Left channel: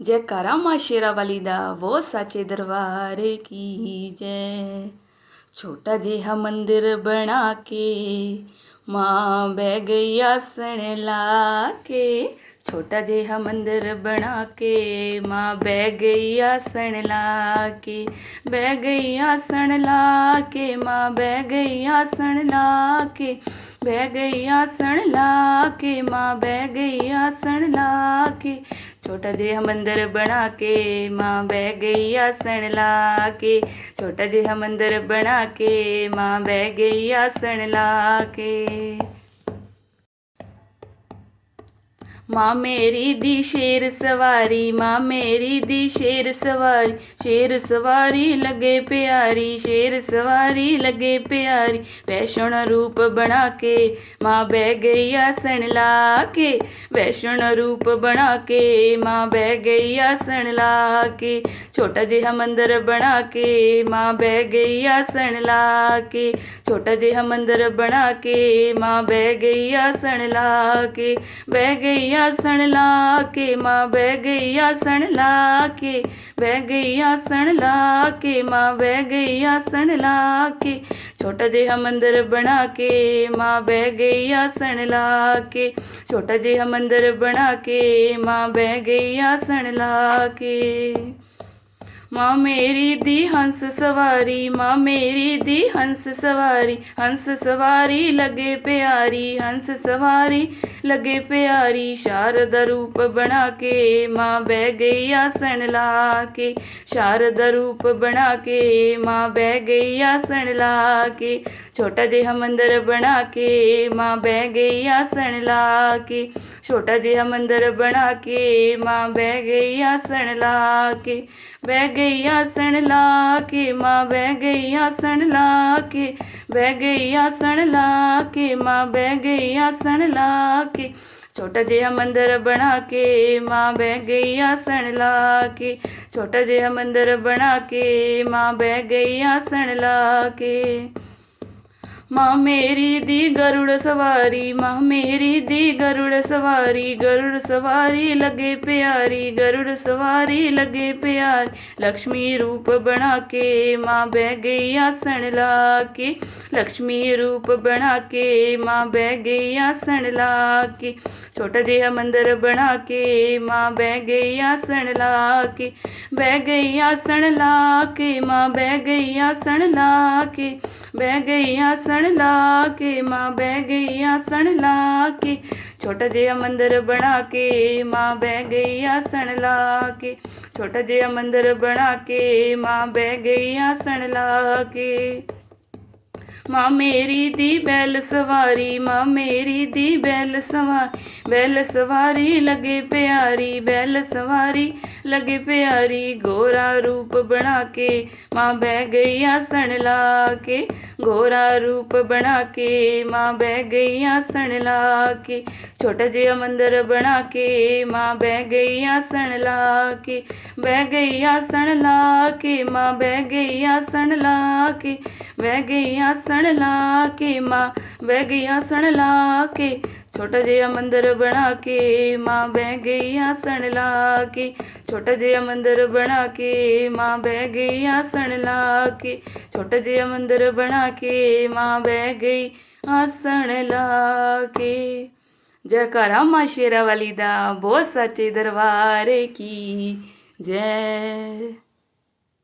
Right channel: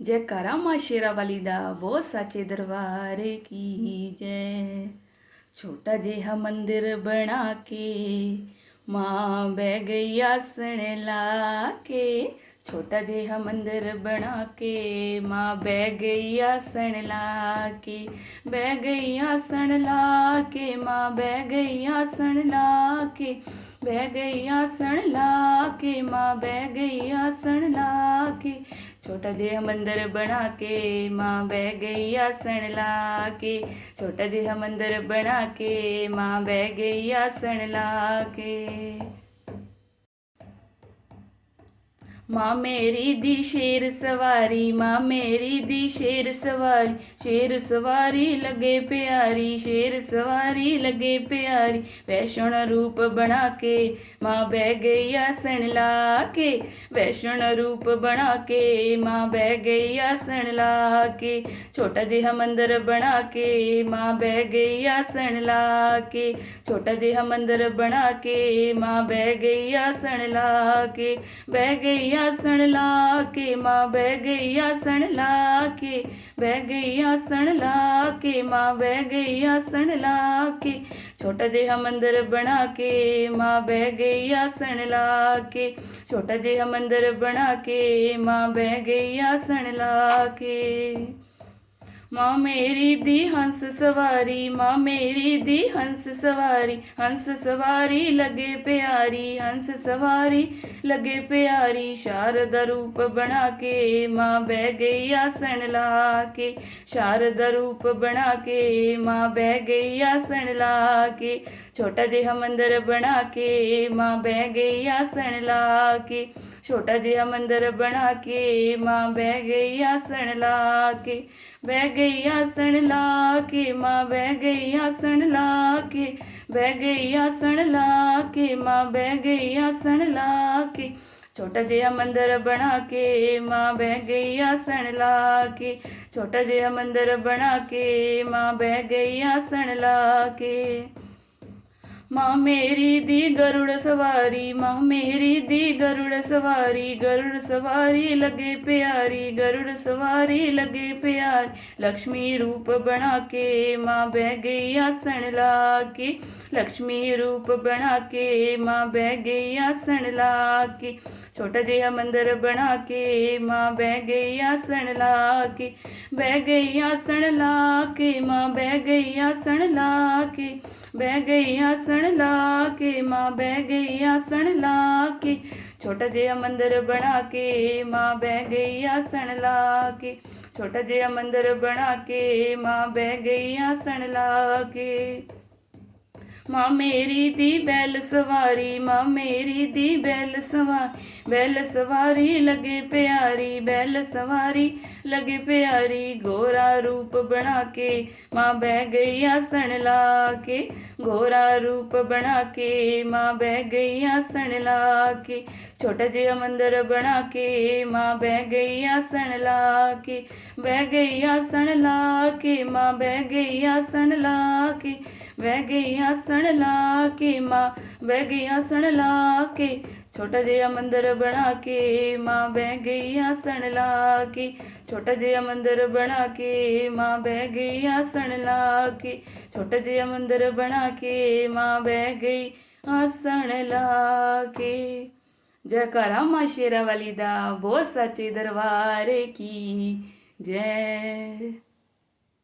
जयकारा माँ शेरा वाली दा वो साचे दरबार की जय। छोटा जिहा मंदिर बना के माँ बह गई आसन ला के। छोटा जिहा मंदिर बना के माँ बह गई आसन ला के। बह गई आसन ला के माँ बह गई आसन ला के। बह गई आसन ला के माँ बह गई आसन ला के। छोटा जिहा मंदिर बना के माँ बह गई आसन ला के। छोटा जिहा मंदिर बना के माँ बह गई आसन ला के। माँ मेरी दी शेर सवारी, माँ मेरी दी शेर सवारी। शेर सवारी लगे प्यारी, शेर सवारी लगे प्यारी। वैष्णो रूप बना के माँ बह गई आसन ला के। वैष्णो रूप बना के माँ बह गई आसन ला के। छोटा जिहा मंदिर बना के माँ बह गई आसन ला के। छोटा जिहा मंदिर बना के माँ बह गई आसन ला के। बह गई आसन ला के माँ बह गई आसन ला के। बह गई आसन ला के माँ बह गई आसन ला के। छोटा जिहा मंदिर बना के माँ बह गई आसन ला के। छोटा जिहा मंदिर बना के माँ बह गई आसन ला के। माँ मेरी दी हंस सवारी, माँ मेरी दी हंस सवारी। हंस सवारी लगे प्यारी, हंस सवारी लगे प्यारी। शारदा रूप बना के माँ बह गई आसन ला के। शारदा रूप बना के माँ बह गई आसन ला के। छोटा जिहा मंदिर बना के माँ बह गई आसन ला के। छोटा जिहा मंदिर बना के माँ बह गई आसन ला के। बह गई आसन ला के माँ बह गई आसन ला के। बह गई आसन ला के माँ बह गई आसन ला के। छोटा जिहा मंदिर बना के माँ बह गई आसन ला के। छोटा जिहा मंदिर बना के माँ बह गई आसन ला के। माँ मेरी दी गरुड़ सवारी, माँ मेरी दी गरुड़ सवारी। गरुड़ सवारी लगे प्यारी, गरुड़ सवारी लगे प्यारी। लक्ष्मी रूप बना के माँ बह गई आसन ला के। लक्ष्मी रूप बना के माँ बह गई आसन ला के। छोटा जिहा मंदिर बना के माँ बह गई आसन ला के। बह गई आसन ला के माँ बह गई आसन ला के। बह गई आसन ला के माँ बह गई आसन ला के। छोटा जिहा मंदिर बना के माँ बह गई आसन ला के। छोटा जिहा मंदिर बना के माँ बह गई आसन ला के। माँ मेरी दी बैल सवारी, माँ मेरी दी बैल सवारी। बैल सवारी लगे प्यारी, बैल सवारी लगे प्यारी। गोरा रूप बना के माँ बह गई आसन ला के। गोरा रूप बना के माँ बह गई आसन ला के। छोटा जिहा मंदिर बना के माँ बह गई आसन ला के। बह गई आसन ला के माँ बह गई आसन ला के। बह गई आसन ला के माँ बह गई आसन ला के। छोटा जिहा मंदिर बना के माँ बह गई आसन ला के। छोटा जिहा मंदिर बना के माँ बह गई आसन ला के। छोटा जिहा मंदिर बना के माँ बह गई आसन ला के। जयकारा माँ शेरा वाली दा बहुत सच्चे दरबार की जय।